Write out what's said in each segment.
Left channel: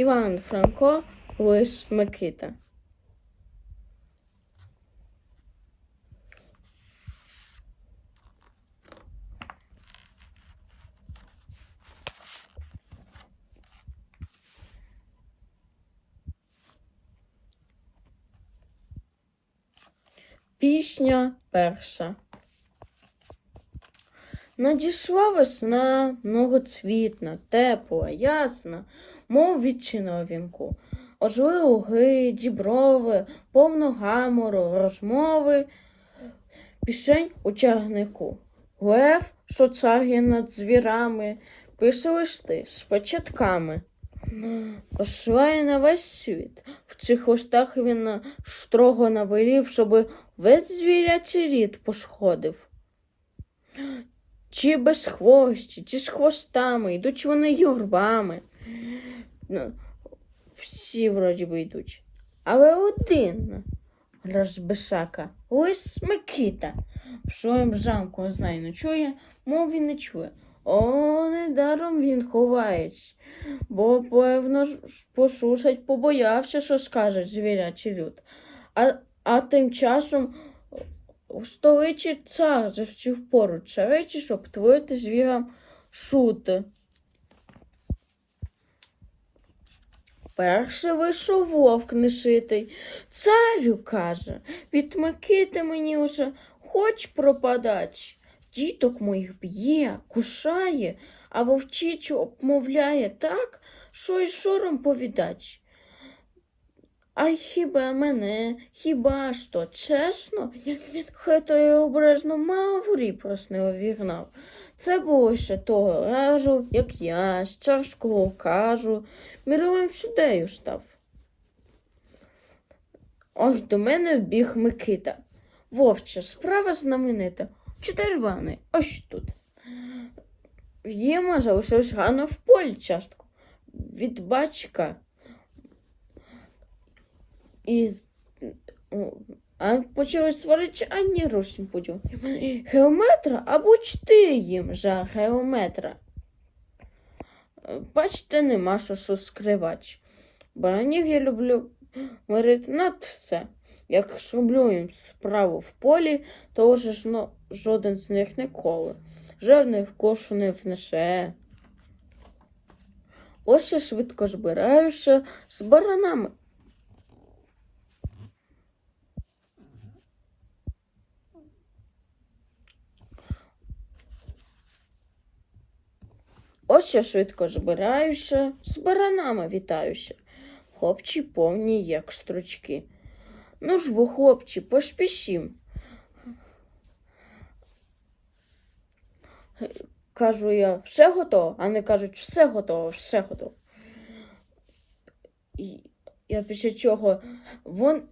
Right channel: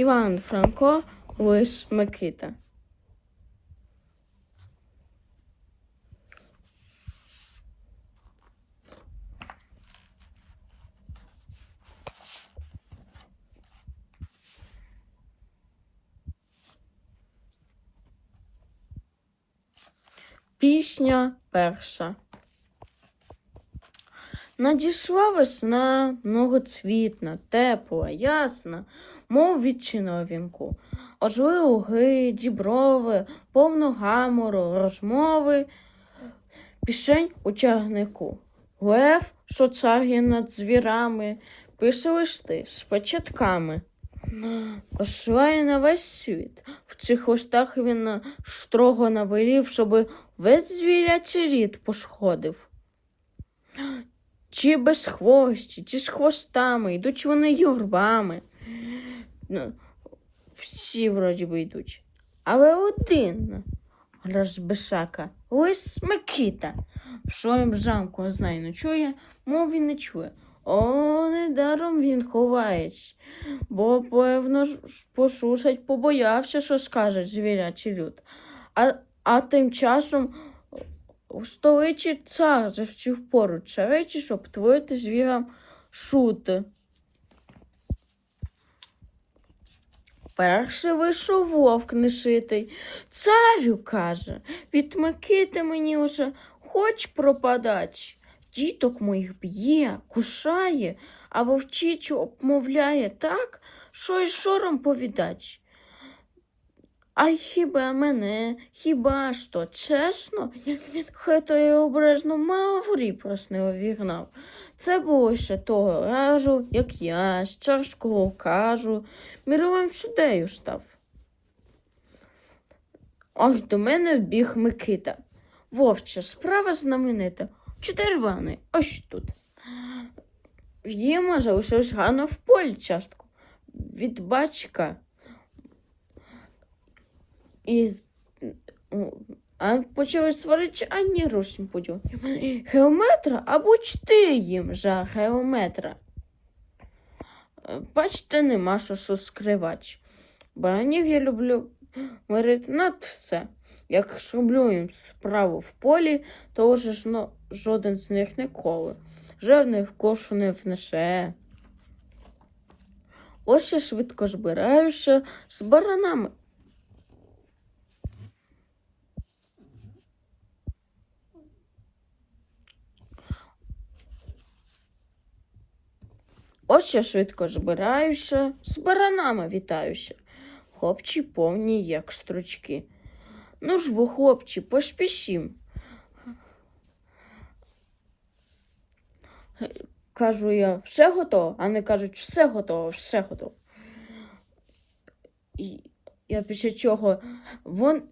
Іван Франко, Лис Микита. Пісня перша. Надійшла весна, многоцвітна, тепла, ясна, мов відчина вінку. Ожили луги, діброви, повно гамору, розмови, пішень у чагнику. Лев, що царє над звірами, пише листи з початками. Посилає на весь світ. В цих листах він строго навелів, щоби весь звірячий рід пошкодив. Чи без хвості, чи з хвостами, йдуть вони юрбами. Ну, всі вроді би йдуть. Але один розбишака, лис Микита, в своєму замку знає, ночує, мов він не чує. О, недаром він ховається, бо, певно, ж посушать, побоявся, що скаже звірячий люд. А, а тим часом у столиці цар завчив поруч речі, щоб творити звірам шути. Перший вийшов вовк нешитий. Царю, каже, від Микити мені уже хоч пропадать. Діток моїх б'є, кушає, а вовчицю обмовляє так, що й шором повідать. А хіба мене, хіба ж то чесно, хай то я обережно маврі проснило вігнав. Це було ще того разу, як я з чашкого кажу, міровим суддею став. Ось до мене вбіг Микита. Вовче, справа знаменита. Чотири вани, ось тут. В'ємо залишилось гано в полі частку. Від батька. І а почали сварити ані рушим поділ. Геометра або чти їм за геометра. Е, Бачите, нема що що скривати. Баранів я люблю мирити над все. Як шублю їм справу в полі, то вже ж ну, жоден з них ніколи. Жодних кошу не внесе. Ось я швидко збираюся з баранами. Ось я швидко збираюся, з баранами вітаюся. Хлопці повні, як стручки. Ну ж бо, хлопці, поспішім. Кажу я, все готово, а вони кажуть, все готово, все готово. І я після чого вон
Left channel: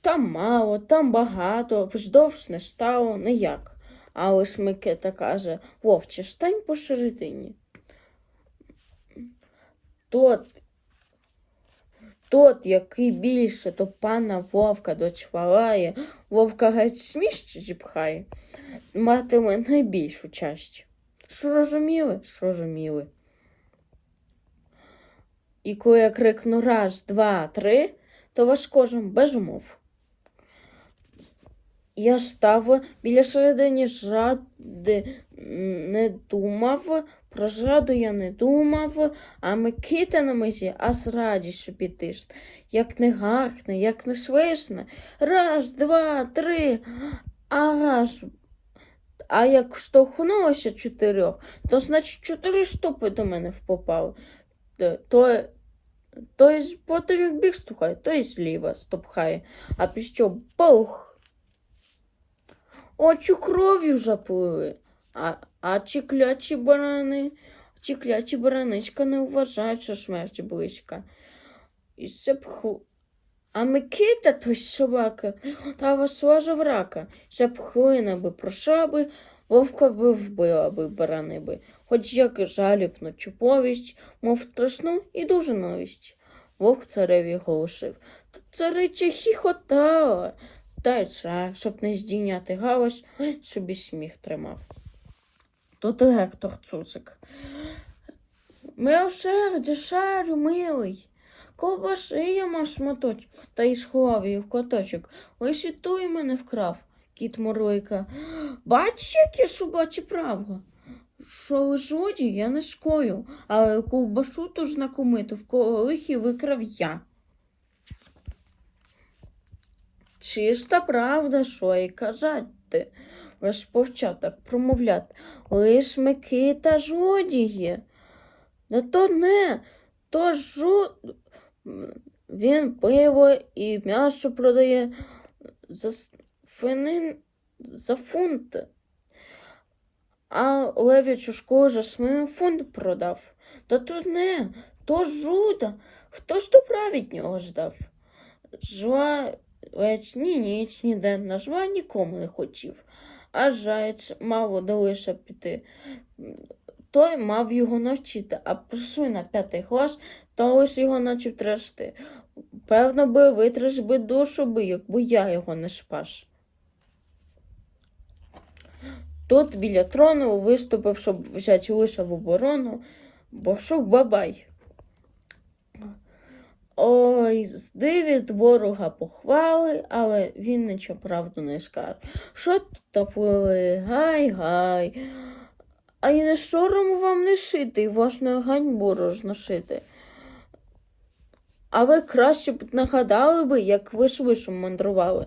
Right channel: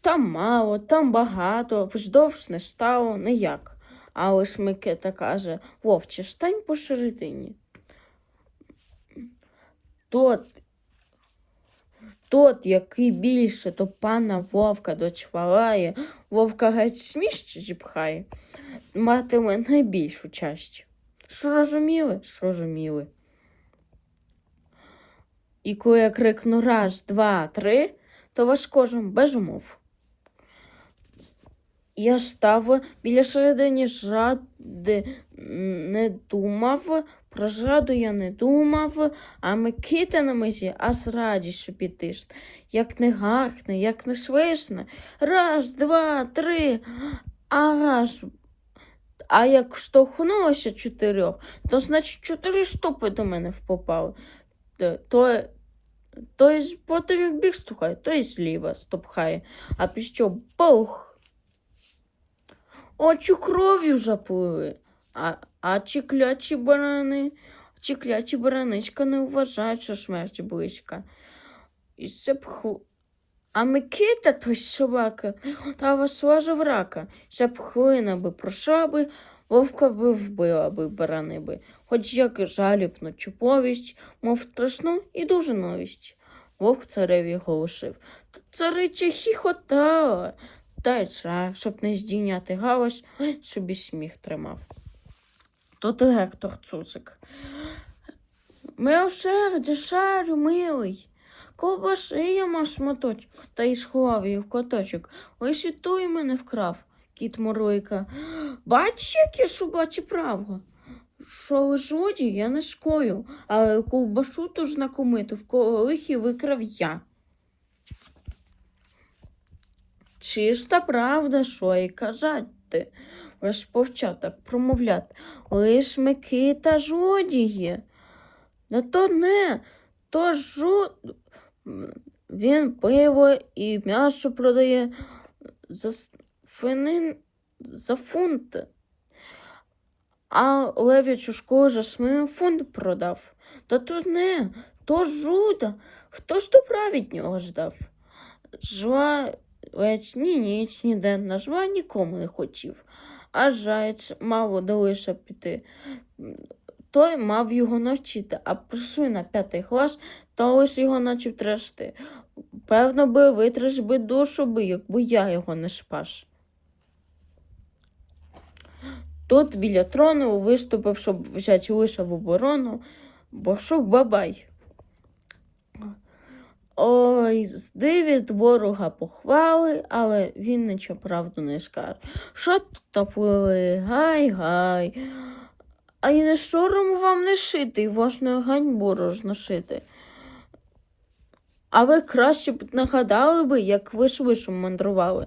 там мало, там багато, вздовж не стало, ніяк. А ось Микита каже, вовче, стань посередині. Тот, тот, який більше до пана вовка дочвалає, вовка геть сміще зіпхає, матиме найбільшу часть. Що розуміли? Що розуміли. І коли я крикну раз, два, три, то вас кожен без умов. Я став біля середини жради м, не думав, про зраду я не думав, а Микита на межі аж радіше пітиш. Як не гахне, як не свисне. Раз, два, три, а. А як штовхнулося чотирьох, то значить чотири штупи до мене попали. Е, То, то й потім як біг стухає, то й зліва стопхає, а піщо пух. Очі кров'ю заплили. А, а ті клячі барани, ті клячі бараничка не вважають, що смерть близька. І це пху. А Микита, той собака, та вас весла жаврака, ця пхлина би пройшла би, вовка би вбила би барани би, хоч як і жалібно чи повість, мов страшну і дуже новість. Вовк цареві голосив. Цариця хіхотала, та й цар, щоб не здійняти галас, собі сміх тримав. То директор цуцик. Милосердя, шарю, милий, ковбаси я мав шматочок, та й сховав її в коточок. Лиш і той мене вкрав, кіт Морлика. Бач, яке шубачі право. Що лиш воді я не шкою, але ковбасу ту знакомиту в колихі викрав я. Чиста правда, що й казати, розпочав так промовляти. Лиш Микита жодіє. Не то не, то жу... Він пиво і м'ясо продає за финин за фунт. А лев'ячу школу за свин фунт продав. Та то не, то жуда. Хто ж то править нього ждав? Жва ледь ні ніч ніде на жва нікому не хотів. А заєць мав долише піти. Той мав його навчити, а просив на п'ятий клас, то лиш його начав трясти. Певно би витреш би душу би, якби я його не спас. Тут біля трону виступив, щоб взяти лише в оборону, Боршук Бабай. Ой, здивить ворога похвали, але він нічого правду не скаже. Що тут топлили? Гай, гай. А й не сором вам не шити, і власне ганьбу розносити. А ви краще б нагадали би, як ви швидше мандрували.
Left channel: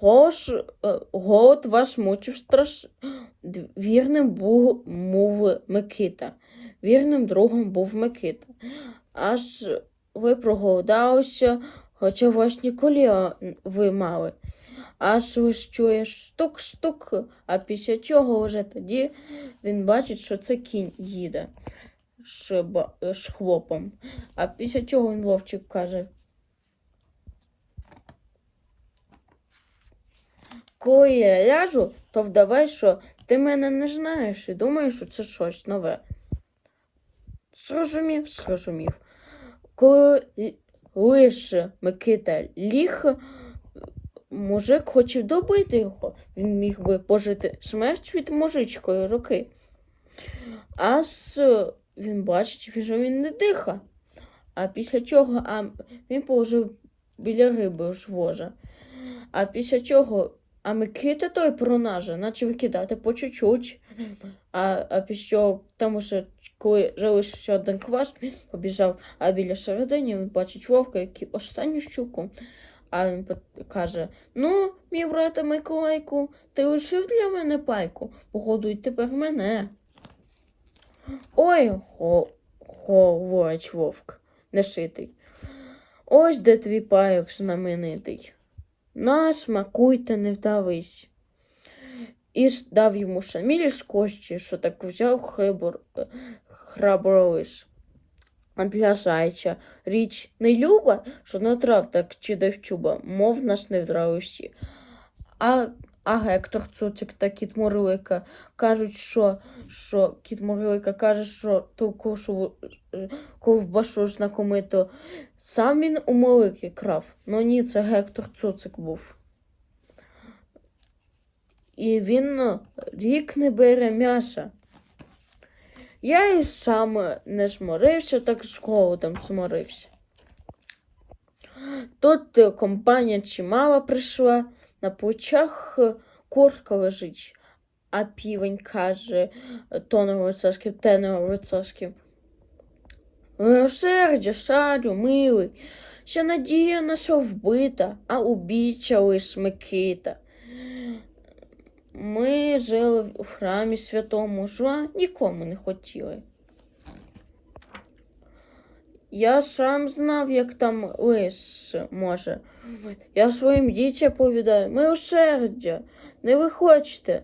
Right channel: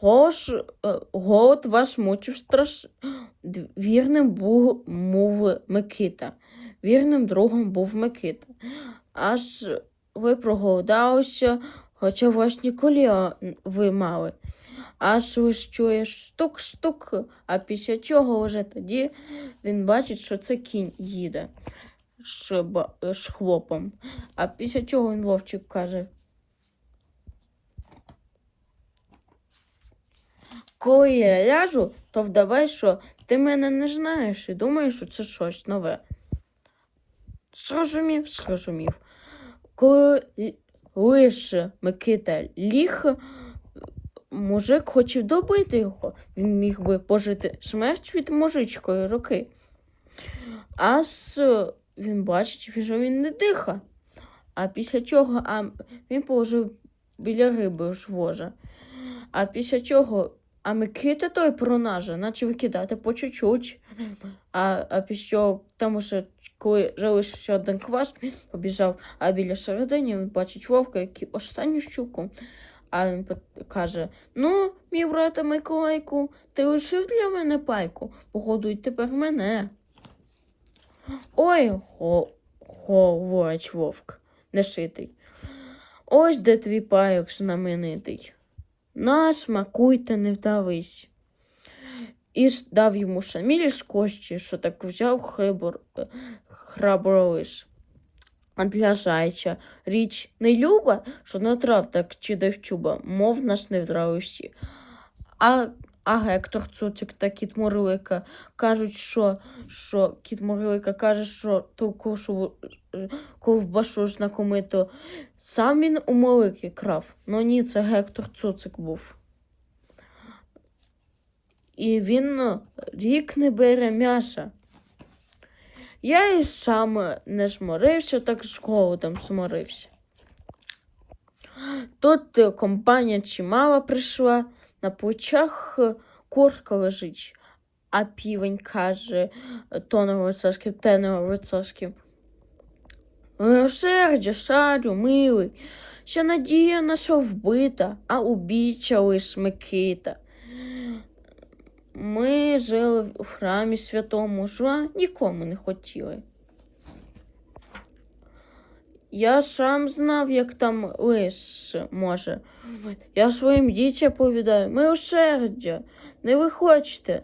Голос, е, голод вас мучив страш. Вірним був, був Микита. Вірним другом був Микита. Аж ви проголодалися, хоча власні коліна ви мали. Аж ось чуєш стук-стук, а після чого вже тоді він бачить, що це кінь їде з хлопом. А після чого він вовчик каже. Коли я ляжу, то вдавай, що ти мене не знаєш і думаєш, що це щось нове. Зрозумів, зрозумів. Коли лише Микита ліг, мужик хотів добити його. Він міг би пожити смерть від мужичкої руки. А з він бачить, що він не диха. А після чого а він положив біля риби ж воза. А після чого а Микита той пронаже, наче викидати по чуть-чуть. А, а після тому що коли залишився один квас, він побіжав, а біля середини він бачить вовка, який останню щуку. А він каже: Ну, мій брате Миколайку, ти лишив для мене пайку, погодуй тепер мене. Ой, го, говорить вовк, нешитий. Ось де твій пайок знаменитий. На, смакуй та не вдавись. І дав йому шамілі з кощі, що так взяв хрибор, е, храбролиш. А для зайча річ не люба, що натрав так чи девчуба, мов нас не вдрали всі. А, а Гектор Цуцик та кіт Мурлика кажуть, що, що кіт Мурлика каже, що ту кошу е, ковбашу знакомито сам він у Мулики крав. Ну ні, це Гектор Цуцик був. І він е, рік не бере м'яса. Я і сам не зморився, так з голодом зморився. Тут е, компанія чимала прийшла, на плечах е, курка лежить, а півень каже е, тоном лицарським, теном лицарським. Милосердя, шарю, милий, що надія наша вбита, а убійця лиш Ми жили в храмі святому, жа нікому не хотіли. Я сам знав, як там лиш може. Я своїм дітям повідаю, милосердя, не виходьте,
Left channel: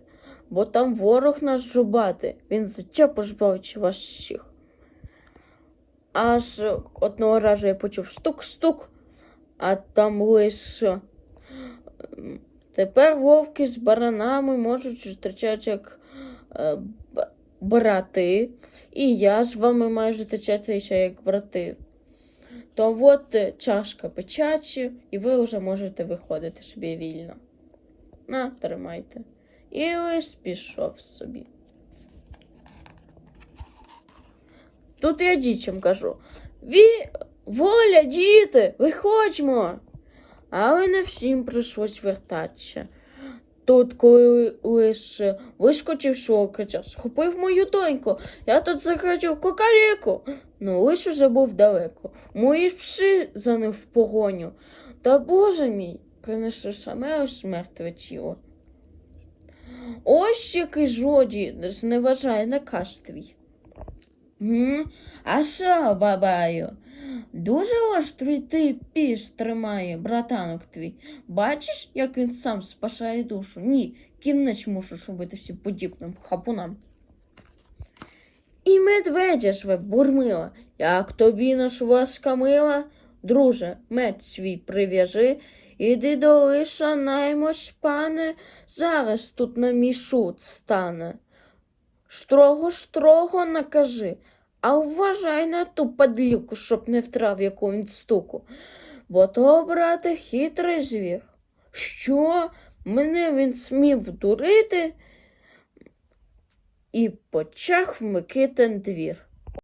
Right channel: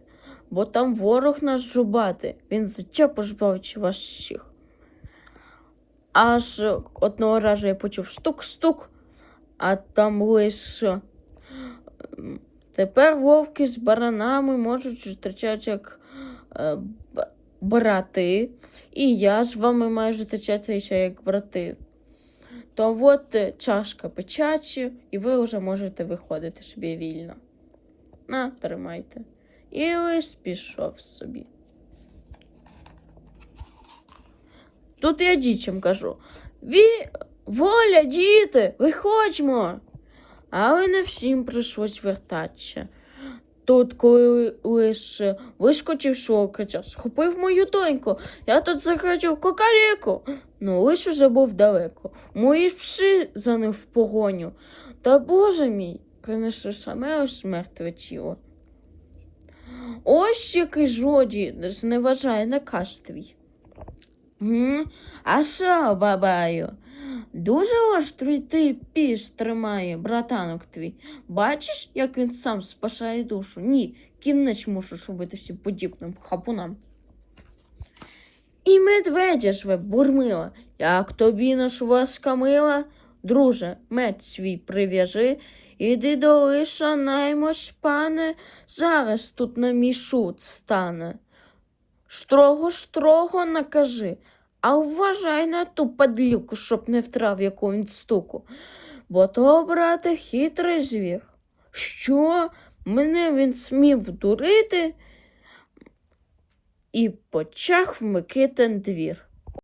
бо там ворог наш жубати, він життя пожбавить вас всіх. Аж одного разу я почув стук-стук, а там лише тепер вовки з баранами можуть зустрічатися як е, брати, і я з вами маю зустрічатися як брати. То от чашка печачі, і ви вже можете виходити собі вільно. На, тримайте. І лис пішов собі. Тут я дітям кажу. Ви Воля, діти, виходьмо. Але не всім прийшлось вертатися. Тут, коли лише вискочив з схопив мою доньку. Я тут закричав кукаріку. Ну, лиш уже був далеко. Мої пси за ним в погоню. Та боже мій, принесли саме ось мертве тіло. Ось який жоді зневажає наказ твій. А що, бабаю? Дуже острий ти піс тримає, братанок твій. Бачиш, як він сам спасає душу? Ні, кінець мушиш робити всім подібним хапунам. І медведя ж ви бурмила, як тобі наш ласка мила, друже, меч свій прив'яжи, іди до лиша наймось, пане, зараз тут на мій шут стане. Строго, строго накажи, а вважай на ту падлюку, щоб не втрав він стуку. Бо то, брате, хитрий звір. Що? Мене він смів дурити і почав вмикити двір.